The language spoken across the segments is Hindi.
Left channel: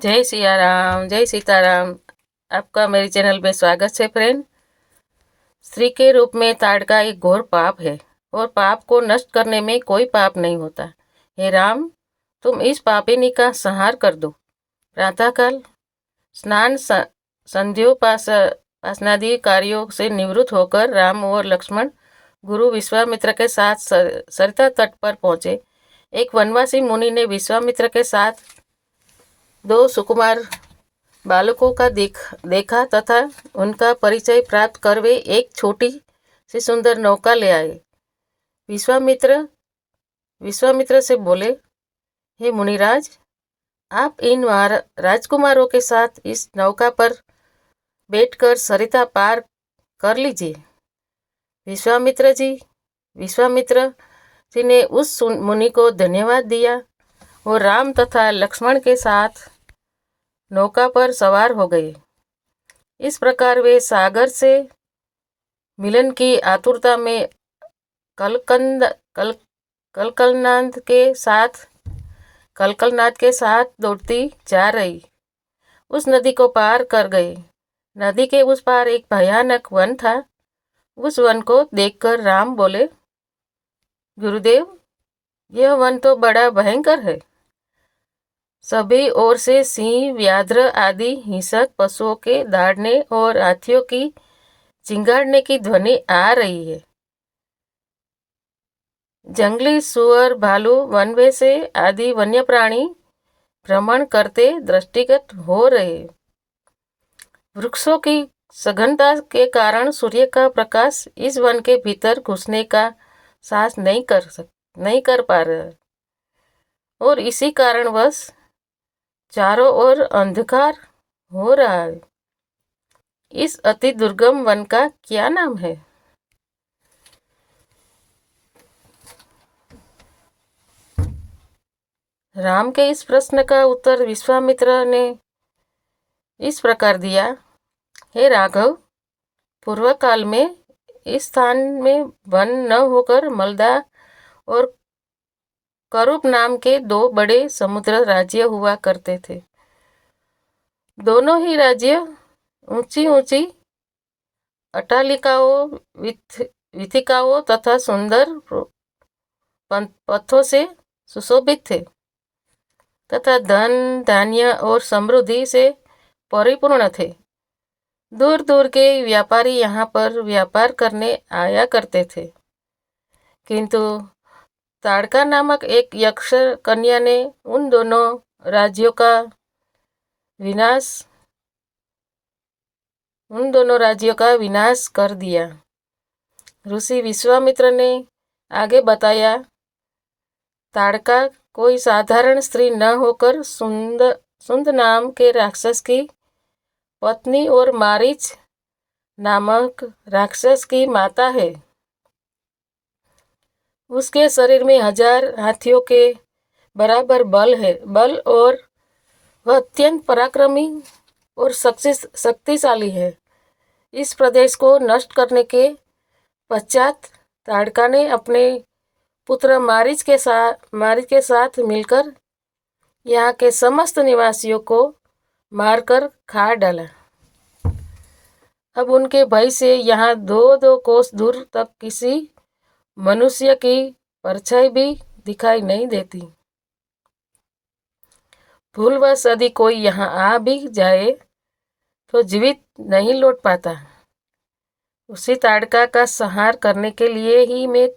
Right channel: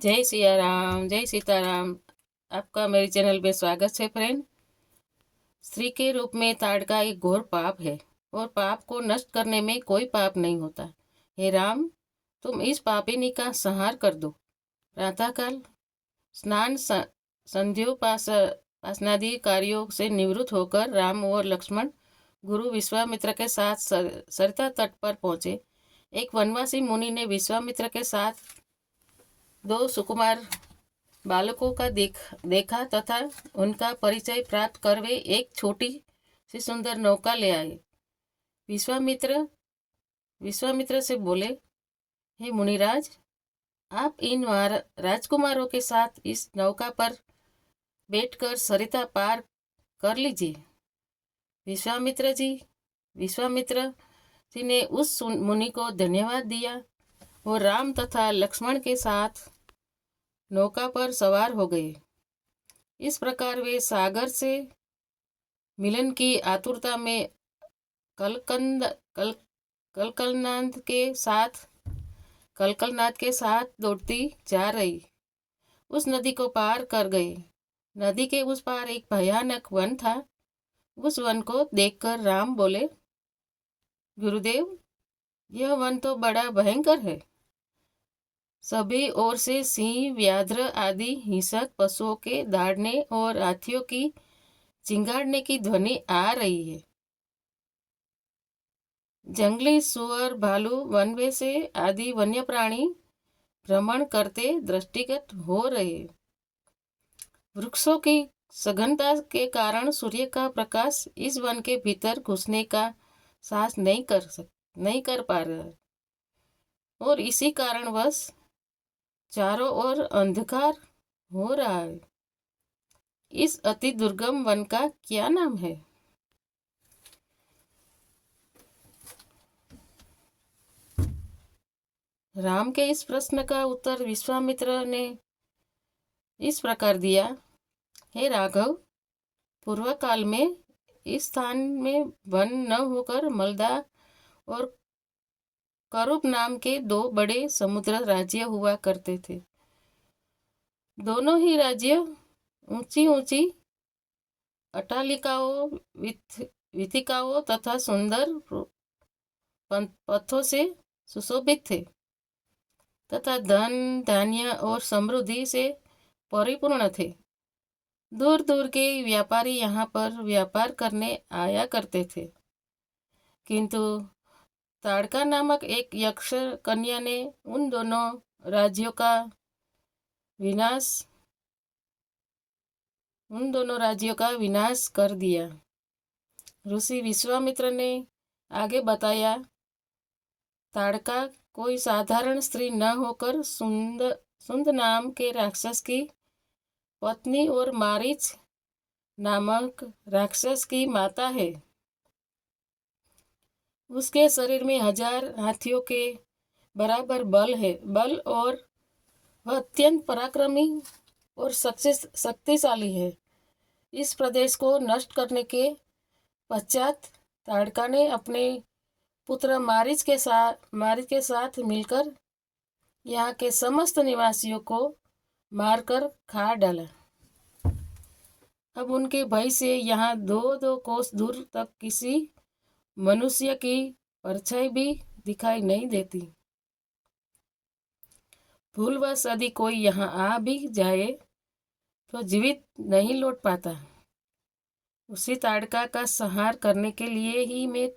जय सिया राम, जय सीताराम। आपका मेरे चैनल में स्वागत है फ्रेंड। स्त्री के रूप में ताड़का एक घोर पाप है और पाप को नष्ट करने में कोई पाप नहीं होता। हे राम, तुम इस पापिनी का संहार कर दो। प्रातःकाल स्नान संध्योपासनादि कार्यों से निवृत्त होकर राम और लक्ष्मण गुरु विश्वामित्र के साथ सरिता तट पर पहुंचे। एक वनवासी मुनि ने विश्वामित्र के साथ दो सुकुमार बालकों का देखा तथा उनका परिचय प्राप्त कर वे एक छोटी सी सुंदर नौका ले आए। विश्वामित्र विश्वामित्र से बोले, हे मुनिराज, आप इन राजकुमारों के साथ इस नौका पर बैठकर सरिता पार कर लीजिए। विश्वामित्र जी ने उस मुनि को धन्यवाद दिया और राम तथा लक्ष्मण के साथ नौका पर सवार हो गए। इस प्रकार वे सागर से मिलन की आतुरता में कलकंद कल कलकलनाद के साथ दौड़ती जा रही उस नदी को पार कर गए। नदी के उस पार एक भयानक वन था। उस वन को देखकर राम बोले, गुरुदेव, यह वन तो बड़ा भयंकर है। सभी ओर से सिंह, व्याघ्र आदि हिंसक पशुओं के दौड़ने और हाथियों की चिंगाड़ने की ध्वनि आ रही है। जंगली सुअर, भालू, वनवेसे आदि वन्य प्राणी भ्रमण करते दृष्टिगत हो रहे। वृक्षों की सघनता के कारण सूर्य का प्रकाश इस वन के भीतर घुसने का साहस नहीं कर पा रहा और इसी कारणवश चारों ओर अंधकार हो रहा है। इस अति दुर्गम वन का क्या नाम है? राम के इस प्रश्न का उत्तर विश्वामित्र ने इस प्रकार दिया, हे राघव, पूर्व काल में इस स्थान में वन न होकर मलदा और करूप नाम के दो बड़े समुद्र राज्य हुआ करते थे। दोनों ही राज्य ऊंची ऊंची अट्टालिकाओं, वीथिकाओं तथा सुंदर पथों से सुशोभित थे तथा धन, धान्य और समृद्धि से परिपूर्ण थे। दूर दूर के व्यापारी यहाँ पर व्यापार करने आया करते थे। किंतु ताड़का नामक एक यक्ष कन्या ने उन दोनों राज्यों का विनाश कर दिया। ऋषि विश्वामित्र ने आगे बताया, ताड़का कोई साधारण स्त्री न होकर सुंद नाम के राक्षस की पत्नी और मारीच नामक राक्षस की माता है। उसके शरीर में 1000 हाथियों के बराबर बल और वह अत्यंत पराक्रमी और शक्तिशाली है। इस प्रदेश को नष्ट करने के पश्चात ताड़का ने अपने पुत्र मारीच के साथ मिलकर यहाँ के समस्त निवासियों को मारकर खा डाला। अब उनके भय से यहाँ 2-2 कोस दूर तक किसी मनुष्य की परछाई भी दिखाई नहीं देती। भूलवश यदि कोई यहाँ आ भी जाए तो जीवित नहीं लौट पाता। उसी ताड़का का संहार करने के लिए ही मैं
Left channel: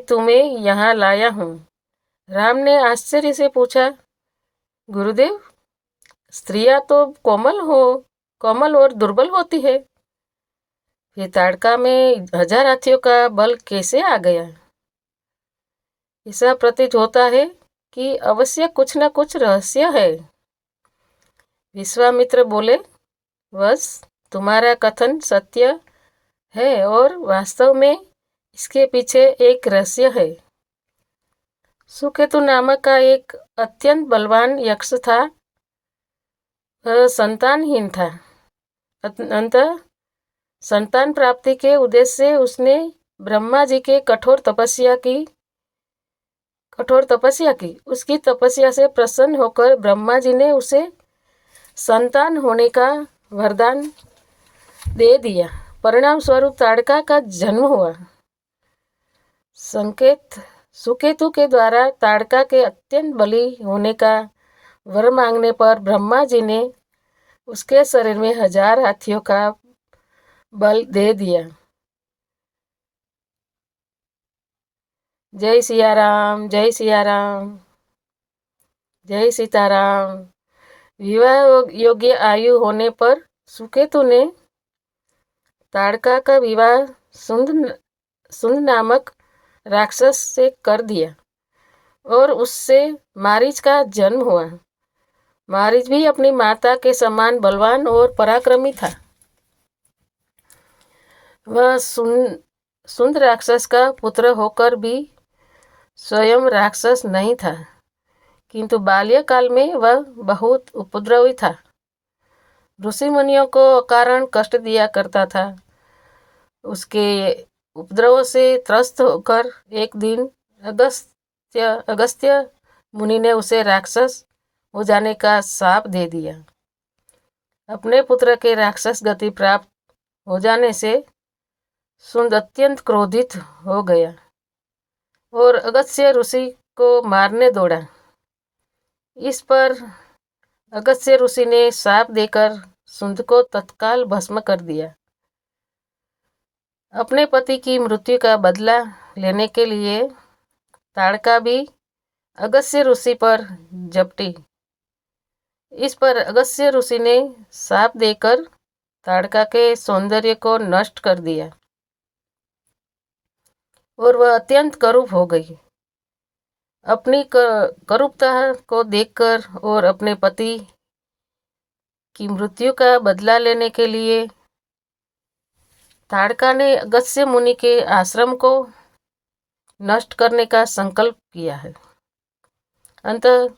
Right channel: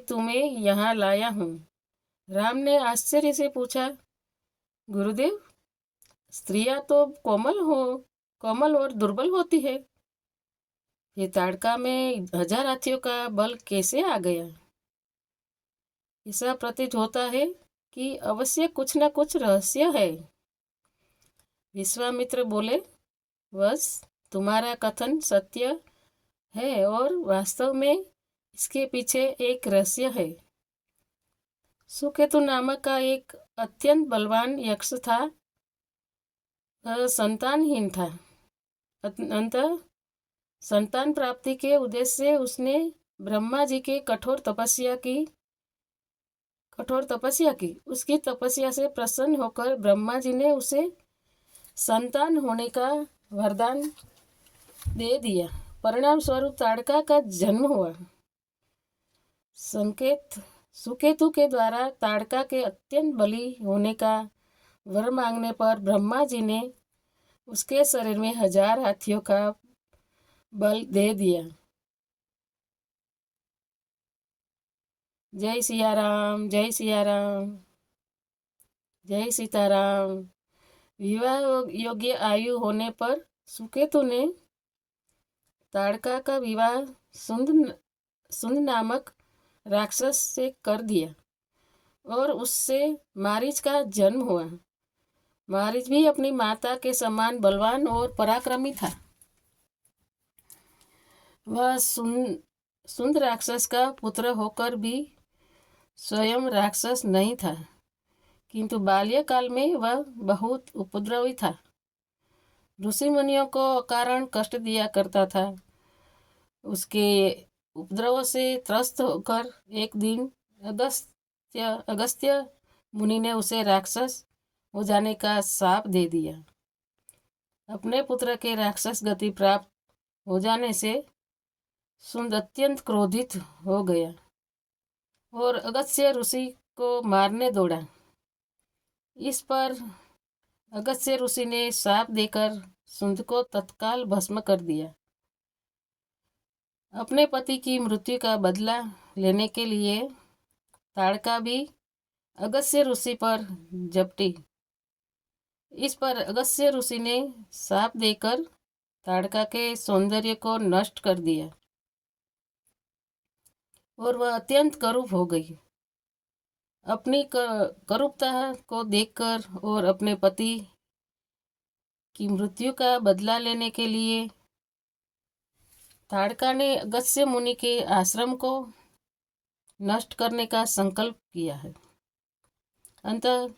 तुम्हें यहाँ लाया हूँ। राम ने आश्चर्य से पूछा, गुरुदेव, स्त्रियां तो कोमल और दुर्बल होती है, ये ताड़का में 1000 हाथियों का बल कैसे आ गया? ऐसा प्रतीत होता है कि अवश्य कुछ न कुछ रहस्य है। विश्वामित्र बोले, बस तुम्हारा कथन सत्य है और वास्तव में इसके पीछे एक रहस्य है। सुकेतु नामक का एक अत्यंत बलवान यक्ष था। वह संतानहीन था। अतः संतान प्राप्ति के उद्देश्य से उसने ब्रह्मा जी के कठोर तपस्या की। कठोर तपस्या की। उसकी तपस्या से प्रसन्न होकर ब्रह्मा जी ने उसे संतान होने का वरदान दे दिया। परिणाम स्वरूप ताड़का का जन्म हुआ। संकेत सुकेतु के द्वारा ताड़का के अत्यंत बली होने का वर मांगने पर ब्रह्मा जी ने उसके शरीर में 1000 हाथियों का बल दे दिया। जय सिया राम, जय सिया राम, जय सीताराम। विवाह योग्य आयु होने पर सुकेतु ने ताड़का का विवाह सुंद नामक राक्षस से कर दिया और उससे मारीच का जन्म हुआ। मारीच भी अपनी माता के समान बलवान और पराक्रमी था। वह सुंद राक्षस का पुत्र होकर भी स्वयं राक्षस नहीं था, किंतु बाल्यकाल में वह बहुत उपद्रवी था। ऋषि मुनियों को अकारण कष्ट दिया करता था। उसके उपद्रव से त्रस्त होकर एक दिन अगस्त्य मुनि ने उसे राक्षस हो जाने का शाप दे दिया। अपने पुत्र के राक्षस गति प्राप्त हो जाने से सुंद अत्यंत क्रोधित हो गया और अगस्त्य ऋषि को मारने दौड़ा। इस पर अगस्त्य ऋषि ने शाप देकर सुंद को तत्काल भस्म कर दिया। अपने पति की मृत्यु का बदला लेने के लिए ताड़का भी अगस्त्य ऋषि पर झपटी। इस पर अगस्त्य ऋषि ने शाप देकर ताड़का के सौंदर्य को नष्ट कर दिया और वह अत्यंत करूप हो गई। अपनी करूपता को देखकर और अपने पति की मृत्यु का बदला लेने के लिए ताड़का ने अगस्त्य मुनि के आश्रम को नष्ट करने का संकल्प किया है। अंतः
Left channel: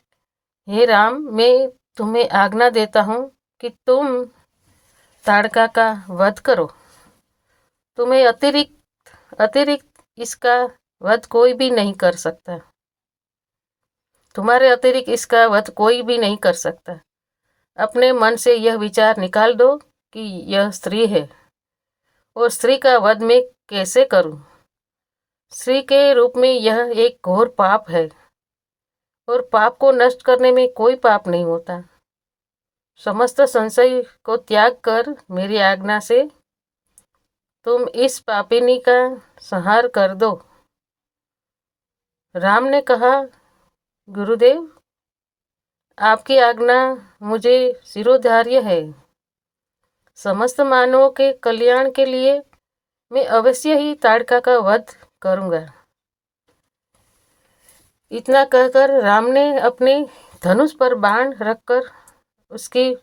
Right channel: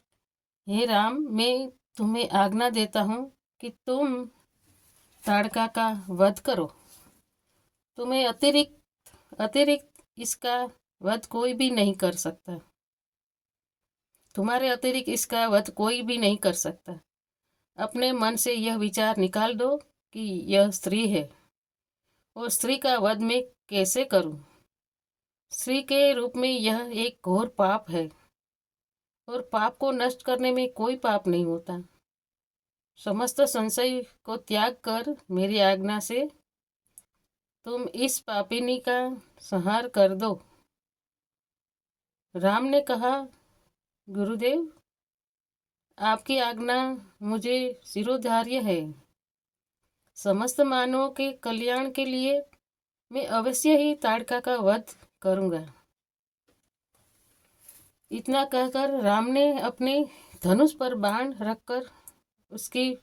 हे राम, मैं तुम्हें आज्ञा देता हूँ कि तुम ताड़का का वध करो। तुम्हें अतिरिक्त इसका वध कोई भी नहीं कर सकता। तुम्हारे अतिरिक्त इसका वध कोई भी नहीं कर सकता। अपने मन से यह विचार निकाल दो कि यह स्त्री है और स्त्री का वध मैं कैसे करूं। स्त्री के रूप में यह एक घोर पाप है और पाप को नष्ट करने में कोई पाप नहीं होता। समस्त संशय को त्याग कर मेरी आज्ञा से तुम इस पापिनी का संहार कर दो। राम ने कहा, गुरुदेव, आपकी आज्ञा मुझे शिरोधार्य है। समस्त मानवों के कल्याण के लिए मैं अवश्य ही ताड़का का वध करूंगा। इतना कहकर राम ने अपने धनुष पर बाण रखकर उसकी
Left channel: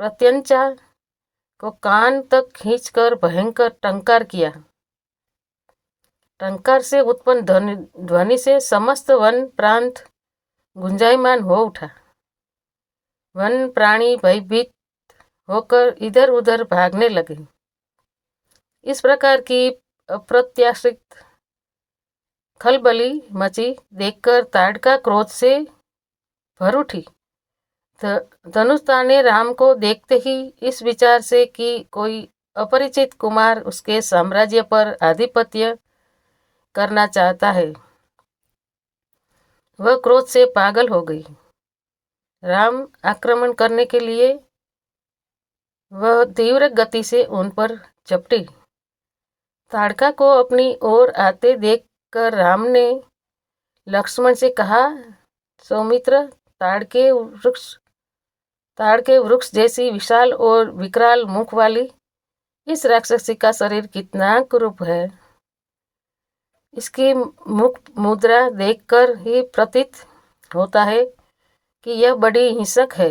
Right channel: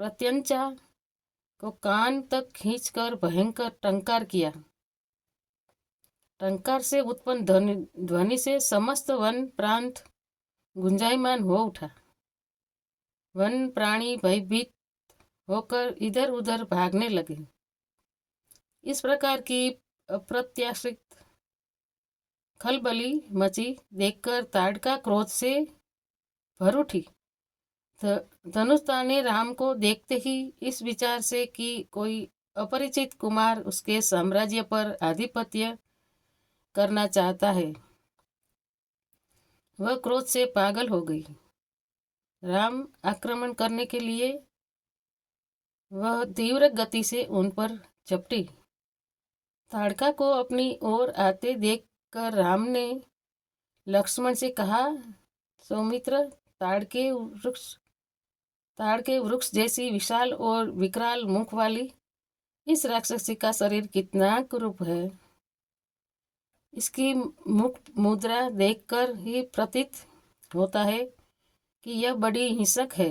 प्रत्यंचा को कान तक खींचकर भयंकर टंकार किया। टंकार से उत्पन्न ध्वनि से समस्त वन प्रांत गुंजायमान हो उठा। वन प्राणी भयभीत होकर इधर उधर भागने लगे। इस प्रकार की अप्रत्याशित खलबली मची देखकर ताड़का क्रोध से भर उठी। धनुष ताने राम को देखते ही इस विचार से कि कोई अपरिचित कुमार उसके साम्राज्य पर आधिपत्य करना चाहता है, वह क्रोध से पागल हो गई। राम आक्रमण करने के लिए वह तीव्र गति से उन पर झपटी। ताड़का को अपनी ओर आते देखकर राम ने लक्ष्मण से कहा, सौमित्र, ताड़ के वृक्ष जैसी विशाल और विकराल मुख वाली इस राक्षसी का शरीर कितना कुरूप है। इसकी मुख मुद्रा देखकर ही प्रतीत होता है कि यह बड़ी हिंसक है।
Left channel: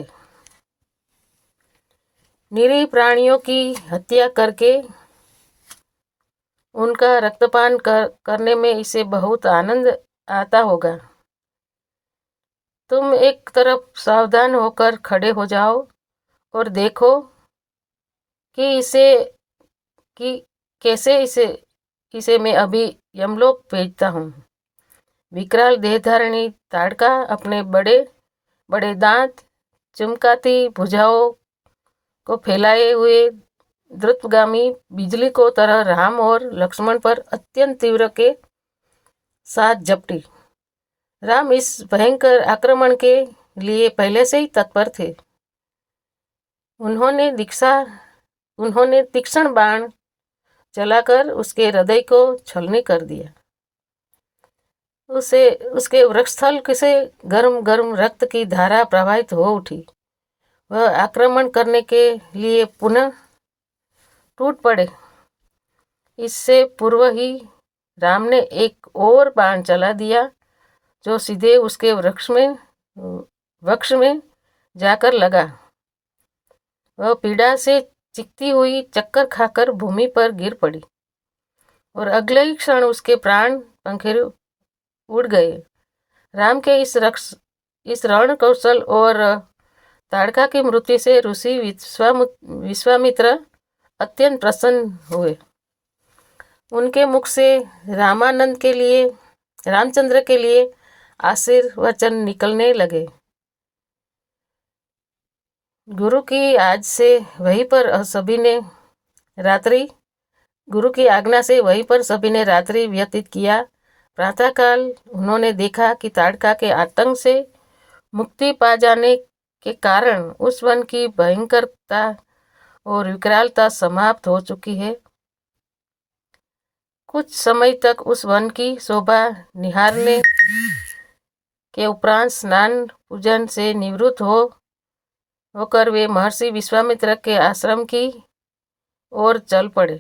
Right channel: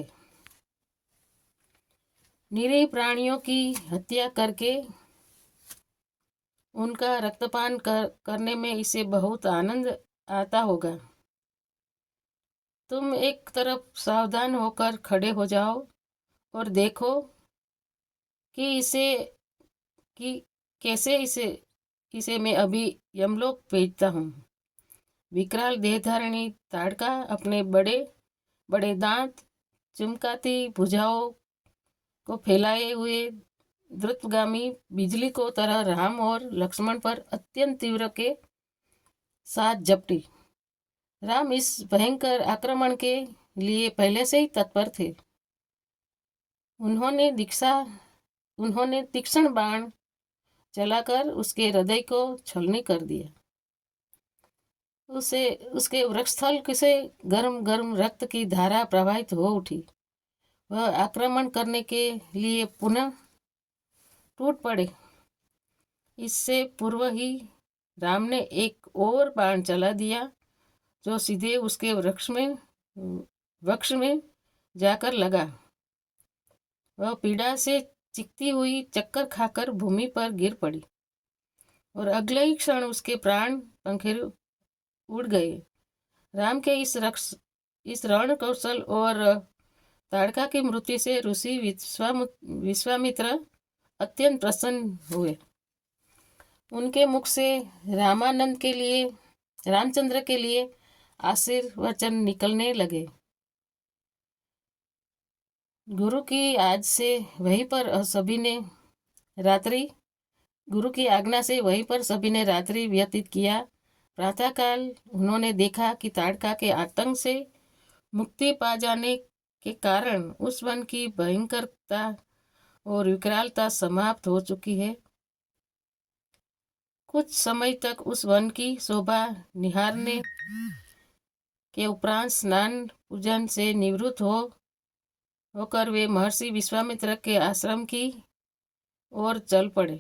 निरीह प्राणियों की हत्या करके उनका रक्तपान करने में इसे बहुत आनंद आता होगा। तुम एक तरफ सावधान होकर खड़े हो जाओ और देखो कि कैसे इसे मैं अभी यमलोक भेजता हूँ। विकराल देहधारिणी ताड़का अपने बड़े बड़े दांत, चमकाती भुजाओं को फैलाए हुए द्रुतगामी बिजली को तरह राम और लक्ष्मण पर अत्यंत तीव्र के साथ झपटी। राम इस भयंकर आक्रमण के लिए पहले से ही तत्पर थे। उन्होंने तीक्ष्ण बाण चलाकर उसके हृदय को छलनी कर दिया। उसके वक्षस्थल से गर्म गर्म रक्त की धारा प्रवाहित हो उठी। वह आक्रमण करने के लिए पुनः टूट पड़े। इससे पूर्व ही राम ने एक और बाण चला दिया जो सीधे उसके वक्ष में जाकर लगा। वह पीड़ा से चिकती हुई चक्कर खाकर भूमि पर गिर पड़ी और अगले ही क्षण उसके प्राण पंखे उड़ गए। राम के इस रण कौशल और ताड़का की मृत्यु से ऋषि विश्वामित्र अत्यंत प्रसन्न हुए। उनके मुख से रामचंद्र के लिए आशीर्वचन निकलने लगे। गुरु की आज्ञा से वहीं पर सभी ने रात्रि व्यतीत किया। प्रातःकाल उन्होंने देखा कि ताड़का के आतंक से मुक्ति पा जाने के कारण उस वन की भयंकरता और विकरालता समाप्त हो चुकी है। कुछ समय तक उस वन की शोभा निहारने के उपरांत स्नान पूजन से निवृत्त होकर वे महर्षि विश्वामित्र के आश्रम की ओर चल पड़े।